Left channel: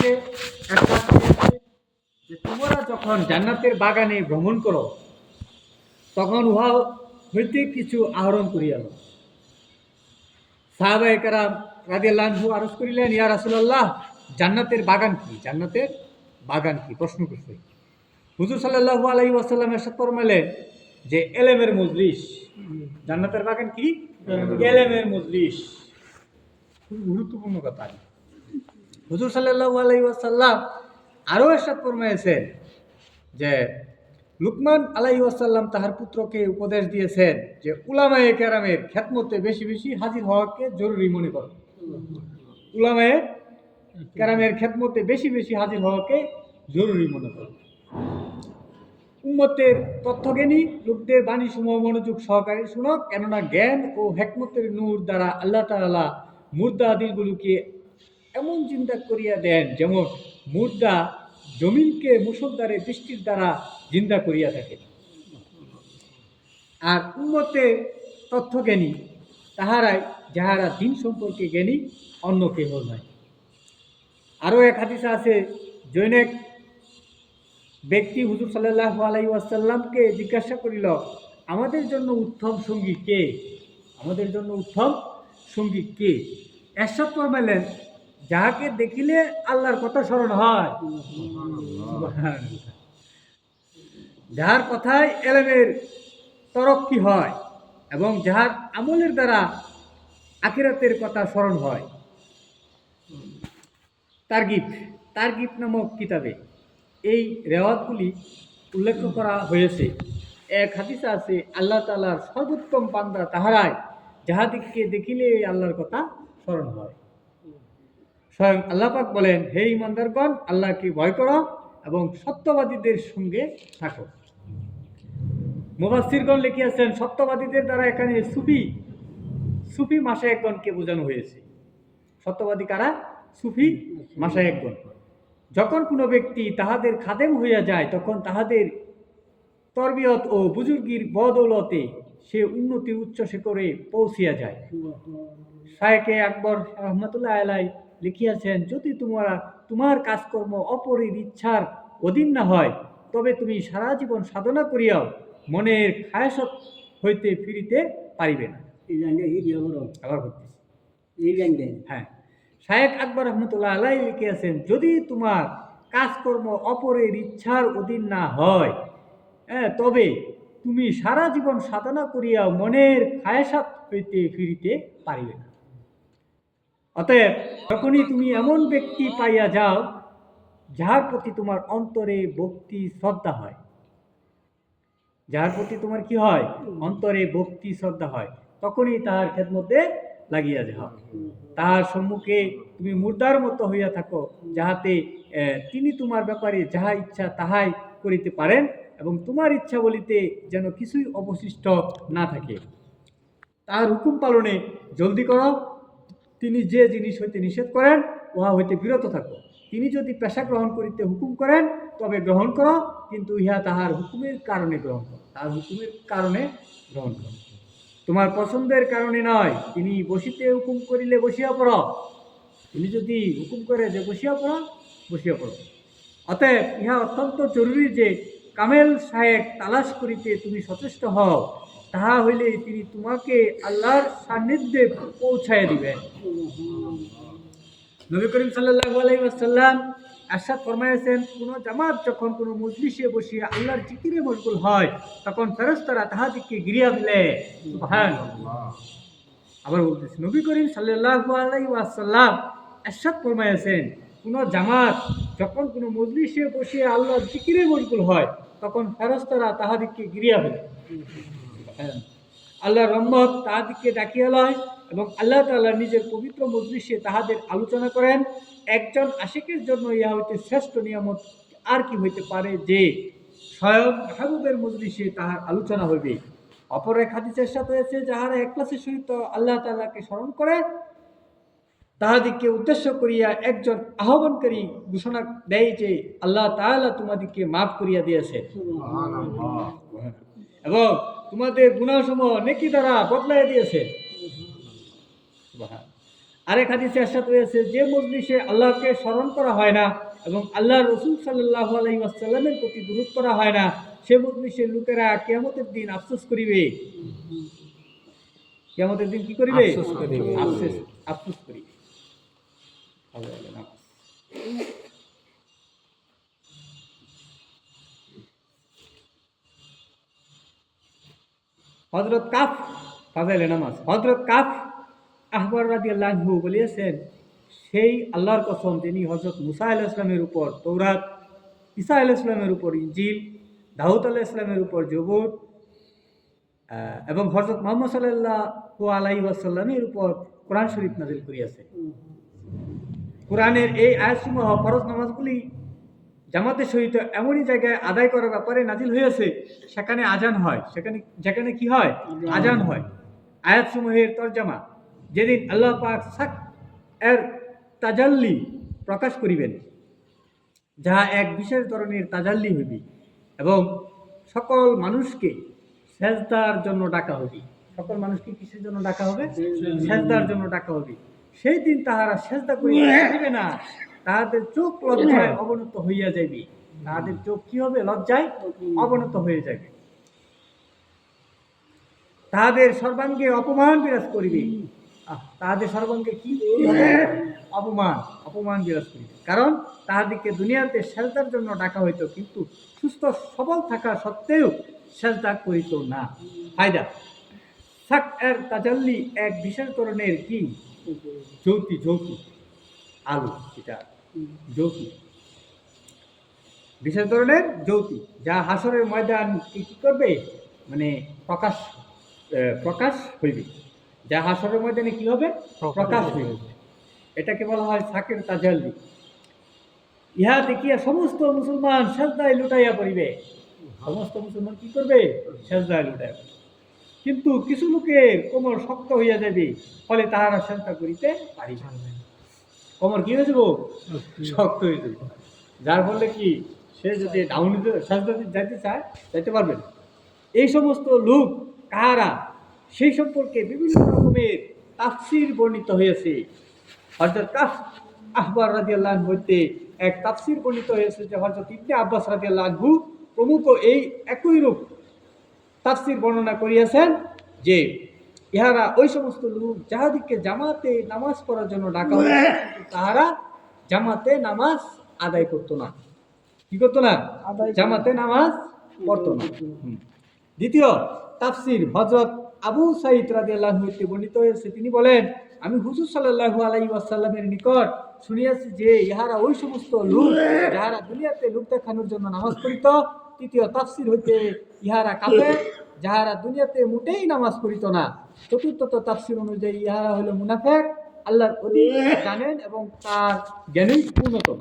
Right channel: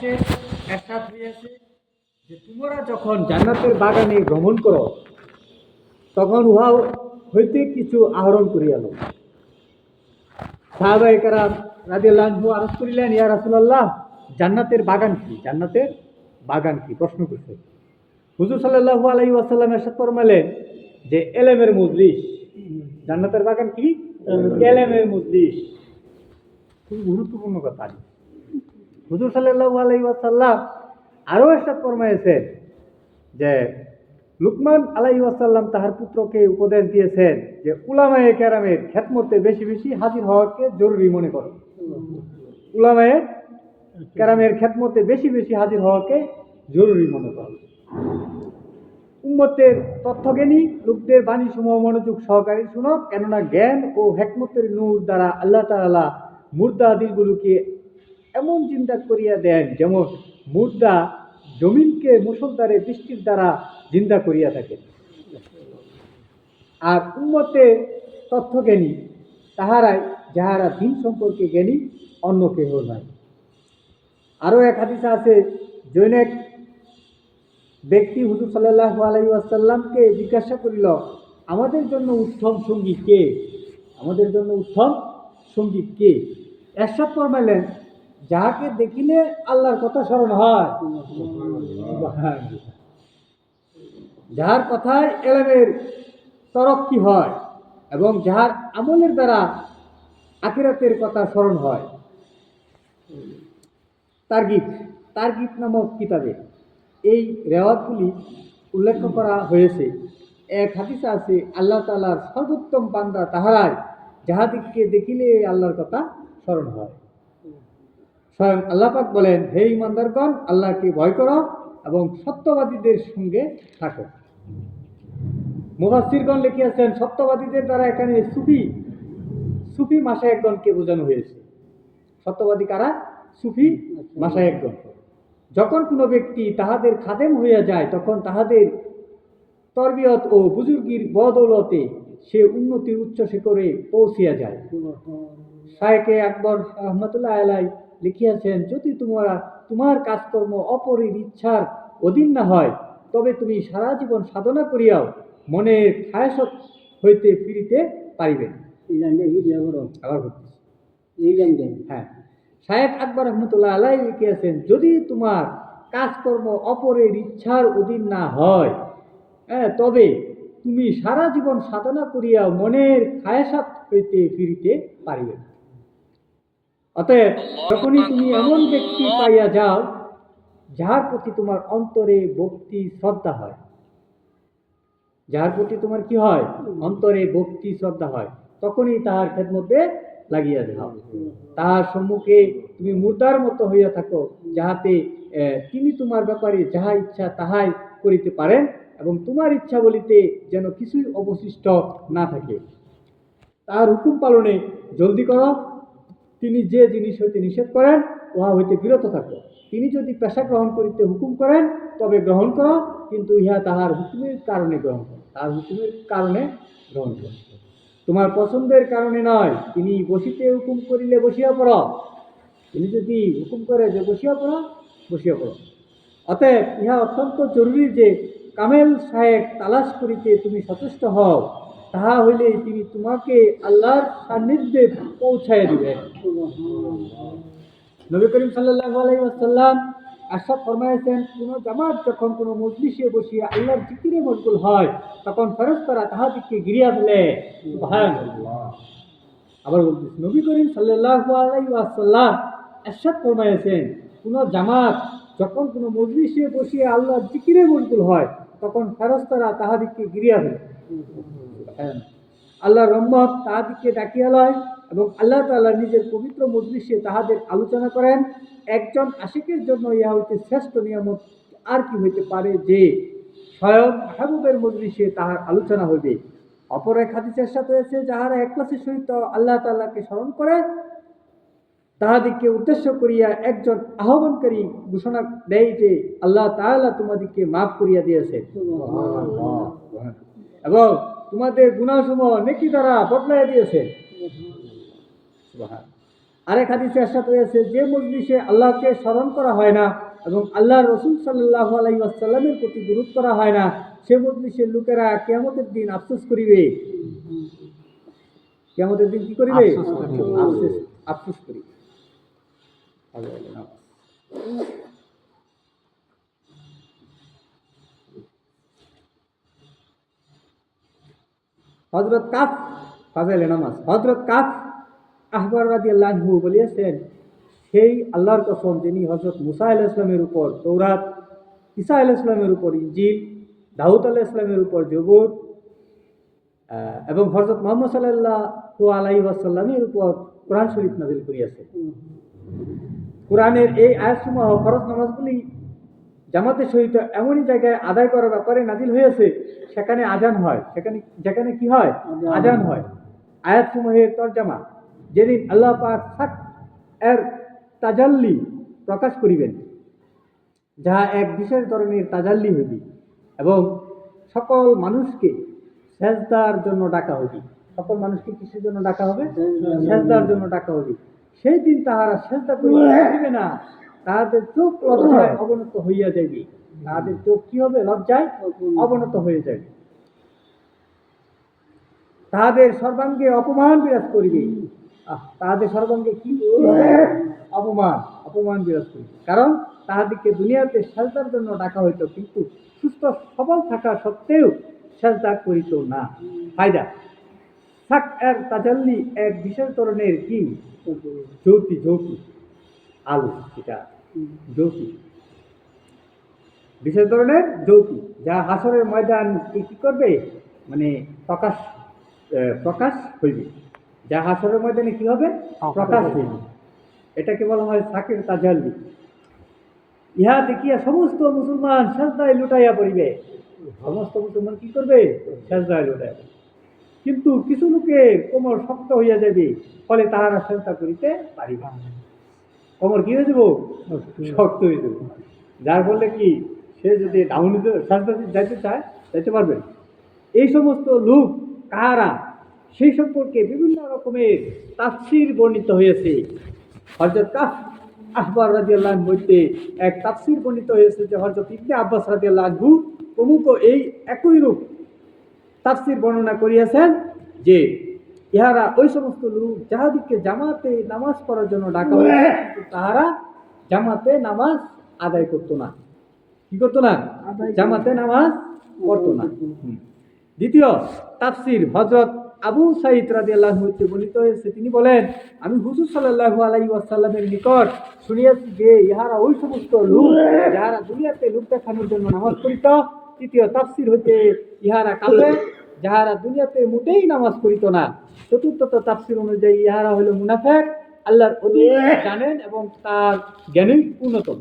আছে একটা যে তোমরা যখন জান্নাতের বাগানে ভ্রমণ করো তখন উহা হইতে কিছু আহরণ করিয়া লো। সাহাবায়ে কেরাম রাদিয়াল্লাহু আনহু আরজ করিলেন, ইয়া রাসূলুল্লাহ, জান্নাতের বাগান কি? জান্নাতের বাগান কি? প্রশ্ন করছে। হুজুর সাল্লাল্লাহু আলাইহি ওয়াসাল্লাম ইরশাদ ফরমালেন যে ইলমের মজলিস। জান্নাতের বাগান কি? ইলমের মজলিস। খুব গুরুত্বপূর্ণ কথা। হুজুর সাল্লাল্লাহু আলাইহি ওয়াসাল্লাম আরও ইরশাদ ফরমায়েছেন যে লুকমান আলাইহিস সালাম তাহার পুত্রকে উপদেশ দিয়েছেন যে উলামায়ে কেরামের খেদমতে বেশি বেশি হাজির হওয়াকে জরুরি মনে করো। উলামায়ে কেরামের খেদমতে বেশি বেশি হাজির হওয়াকে জরুরি মনে করো। উম্মতের তথ্যজ্ঞানী লোকদের বাণী সমূহ মনোযোগ সহকারে শুনো, কেননা জ্ঞান ও হেকমতের নূর দ্বারা আল্লাহ তাআলা মুর্দা দিলগুলোকে এমন জিন্দা করিয়া দেন যেমন মুর্দা জমিনকে মুষলধারে বৃষ্টির দ্বারা জিন্দা করিয়া থাকেন। আর উম্মতের তথ্যজ্ঞানী তাহারাই যাহারা দিন সম্পর্কে জ্ঞানী, অন্য কেহ নয়। আরও এক হাদিসে আছে, জৈনেক ব্যক্তি হুজুর সাল্লাল্লাহু আলাইহি ওয়াসাল্লামকে জিজ্ঞাসা করিল, আমাদের জন্য উত্তম সঙ্গী কে? আমাদের জন্য উত্তম সঙ্গী কে? এরশাদ ফরমাইলেন, যাহাকে দেখিলে আল্লাহর কথা স্মরণ হয়, যাহার কথায় ইলমের তরক্কি হয় এবং যাহার আমলের দ্বারা আখিরাতের কথা স্মরণ হয়। তারগিব নামক কিতাবে এই রেওয়াতগুলি উল্লেখ করা হয়েছে। এক হাদিসে আছে, আল্লাহ তাআলার সর্বোত্তম বান্দা তাহারাই যাহাদিগকে দেখিলে আল্লাহর কথা স্মরণ হয়। স্বয়ং আল্লাহ পাক বলেন, হে ঈমানদারগণ, আল্লাহকে ভয় করো এবং সত্যবাদীদের সঙ্গে থাকো। মুফাসসিরগণ লিখিয়াছেন, সত্যবাদীদের দ্বারা এখানে সুফি মাশায়েখগণকে বোঝানো হয়েছে। সত্যবাদী কারা? সুফি মাশায়েখগণ। যখন কোনো ব্যক্তি তাহাদের খাদেম হইয়া যায় তখন তাহাদের তরবিয়ত ও বুজুর্গির বদৌলতে সে উন্নতির উচ্চ শিখরে পৌঁছিয়া যায়। শায়েখে আকবর রহমাতুল্লাহ আলাইহি লিখিয়াছেন, যদি তোমার কাজকর্ম অপরের ইচ্ছার অধীন না হয় তবে তুমি সারা জীবন সাধনা করিয়াও মনের খায়াসত হইতে ফিরিতে পারিবে না। হ্যাঁ, শায়েখ আকবর রহমতুল্লাহ আলাইহি লিখিয়াছেন, যদি তোমার কাজকর্ম অপরের ইচ্ছার অধীন না হয় তবে তুমি সারা জীবন সাধনা করিয়া মনের খায়াসাত হইতে ফিরিতে পারিবে না। অতএব যখনই তুমি এমন ব্যক্তি পাইয়া যাও যাহার প্রতি তোমার অন্তরে ভক্তি শ্রদ্ধা হয়, যাহার প্রতি তোমার কি হয়? অন্তরে ভক্তি শ্রদ্ধা হয়, তখনই তাহার খেদমতে লাগিয়া যাও। তাহার সম্মুখে তুমি মুর্দার মতো হইয়া থাকো, যাহাতে তিনি তোমার ব্যাপারে যাহা ইচ্ছা তাহাই করিতে পারেন এবং তোমার ইচ্ছা বলিতে যেন কিছুই অবশিষ্ট না থাকে। তাহার হুকুম পালনে জলদি করো। তিনি যে জিনিস হইতে নিষেধ করেন উহা হইতে বিরত থাকো। তিনি যদি পেশা গ্রহণ করিতে হুকুম করেন তবে গ্রহণ করো, কিন্তু ইহা তাহার হুকুমের কারণে গ্রহণ করো। তাহার হুকুমের কারণে গ্রহণ করো, তোমার পছন্দের কারণে নয়। তিনি বসিতে হুকুম করিলে বসিয়া পড়ো। তিনি যদি হুকুম করে যে বসিয়া পড়ো, বসিয়া পড়ো। অতএব ইহা অত্যন্ত জরুরি যে কামেল শায়েখ তালাশ করিতে তুমি সচেষ্ট হও, তাহা হইলে তিনি তোমাকে আল্লাহর সান্নিধ্যে পৌঁছাইয়া দিবেন। নবী করিম সাল্লাল্লাহু আলাইহি ওয়াসাল্লাম ইরশাদ ফরমাইয়াছেন, কোন জামাত যখন কোন মজলিসে বসিয়া আল্লাহর জিকিরে মশগুল হয় তখন ফেরেশতারা তাহাদিগকে ঘিরিয়া ফেলে। সুবহানাল্লাহ। আবার বলতেছি, নবী করিম সাল্লাল্লাহু আলাইহি ওয়াসাল্লাম ইরশাদ ফরমাইয়াছেন, কোন জামাত যখন কোন মজলিসে বসিয়া আল্লাহর জিকিরে মশগুল হয় তখন ফেরেশতারা তাহাদিগকে ঘিরিয়া ফেলে। আল্লাহর রহমত তাহাদিগকে ডাকিয়া লয় এবং আল্লাহ তাআলা নিজের পবিত্র মজলিসে তাহাদের আলোচনা করেন। একজন আশিকের জন্য ইহা হইতে শ্রেষ্ঠ নিয়ামত আর কি হইতে পারে যে স্বয়ং মাহবুবের মজলিসে তাহার আলোচনা হইবে। অপর এক হাদিসে ইরশাদ হয়েছে, যাহারা ইখলাসের সহিত আল্লাহ তাআলাকে স্মরণ করে তাহাদিগকে উদ্দেশ্য করিয়া একজন আহ্বানকারী ঘোষণা দেয় যে আল্লাহ তাআলা তোমাদিগকে মাফ করিয়া দিয়েছেন এবং তোমাদের গুনাহসমূহ নেকি দ্বারা বদলাইয়া দিয়েছেন। আরেক হাদিসে ইরশাদ হয়েছে, যে মজলিসে আল্লাহকে স্মরণ করা হয় না এবং আল্লাহর রাসূল সাল্লাল্লাহু আলাইহি ওয়াসাল্লামের প্রতি দুরূদ করা হয় না, সে মজলিসের লোকেরা কিয়ামতের দিন আফসোস করিবে। কিয়ামতের দিন কি করিবে? আফসোস করিবে। হযরত কাফ ফাজাইলে নামাজ, হযরত কাফ আহবার রাদিয়াল্লাহু আনহু বলিয়াছেন, সেই আল্লাহর কসম যিনি হযরত মুসা আলাইহিস সালামের উপর তৌরাত, ঈসা আলাইহিস সালামের উপর ইনজিল, দাউদ আলাইহিস সালামের উপর জবুর এবং হযরত মুহাম্মদ সাল্লাল্লাহু আলাইহি ওয়াসাল্লামের উপর কোরআন শরীফ নাযিল করিয়াছে। কোরআনের এই আয়াতসমূহ ফরজ নামাজগুলি জামাতের সহিত এমনই জায়গায় আদায় করার ব্যাপারে নাজিল হয়েছে সেখানে আজান হয়, যেখানে কি হয়? আজান হয়। আয়াতসমূহের তরজামা, যেদিন আল্লাহ পাক সাক এর তাজাল্লি প্রকাশ করিবেন, যাহা এক বিশেষ ধরনের তাজাল্লি হইবে এবং সকল মানুষকে সেজদার জন্য ডাকা হইবে। সকল মানুষকে কিসের জন্য ডাকা হবে? সেজদার জন্য ডাকা হবে। সেই দিন তাহারা সেজদা করিতে পারিবে না, তাহাদের চোখ লজ্জায় অবনত হইয়া যাইবে। তাহাদের চোখ কি হবে? লজ্জায় অবনত হয়ে যাবে। তাহাদের সর্বাঙ্গে অপমান বিরাজ করিবে। তাহাদের সর্বাঙ্গে কি? অপমান বিরাজ করিবে। কারণ তাহাদিকে দুনিয়াতে সেজদার জন্য ডাকা হইতো, কিন্তু সুস্থ সবল থাকা সত্ত্বেও সেজদা করিত না। ফায়দা, সাক এর তাজাল্লি এক বিশেষ ধরনের কি? জ্যোতি আলো, এটা জ্যোতি, বিশেষ ধরনের জ্যোতি, যা হাসরের ময়দান কি করবে? মানে প্রকাশ হইবে। যা হাসরের ময়দানে কি হবে? প্রকাশ হইবে। এটাকে বলা হয় সাকের তাজাল্লি। ইহা দেখিয়া সমস্ত মুসলমান সেজদায় লুটাইয়া পড়িবে। সমস্ত মুসলমান কি করবে? সেজদায় লুটাইয়া পড়িবে। কিন্তু কিছু লোকের কোমর শক্ত হইয়া যাবে, ফলে তাহারা সেজদা করিতে পারিবে। কোমর কি হয়ে যাব? শক্ত হয়ে যাবে, যার ফলে কি সে যদি ডাউন সেজদা যাইতে চায়, যাইতে পারবে না। এই সমস্ত লোক কাহারা, সেই সম্পর্কে বিভিন্ন রকমের তাফসীর বর্ণিত হয়েছে। হযরত কাফ আহবার রাদিয়াল্লাহু আনহু হইতে এক তাফসীর বর্ণিত হয়েছে যে হযরত ইবনে আব্বাস রাদিয়াল্লাহু আনহু প্রমুখ এই একই রূপ তাফসীর বর্ণনা করিয়াছেন যে ইহারা ওই সমস্ত লোক যাহাদিকে জামাতে নামাজ পড়ার জন্য ডাকা হয়েছে, কিন্তু তাহারা জামাতে নামাজ আদায় করতো না। কি করতো না? জামাতে নামাজ পড়তো না। দ্বিতীয় তাফসীর হযরত আবু সাঈদ রাদিয়াল্লাহু আনহু হতে বর্ণিত হয়েছে, তিনি বলেন, আমি হুজুর সাল্লাল্লাহু আলাইহি ওয়াসাল্লামের নিকট শুনিয়াছি যে ইহারা ওই সমস্ত লোক যাহারা দুনিয়াতে লোক দেখানোর জন্য নামাজ পড়িত। তৃতীয় তাফসীর হইতে ইহারা কাফের, যাহারা দুনিয়াতে মোটেই নামাজ পড়িত না। চতুর্থ তাফসীর অনুযায়ী ইহারা হলো মুনাফিক, আল্লাহর অধিক জানেন এবং তার জ্ঞানই পূর্ণতম।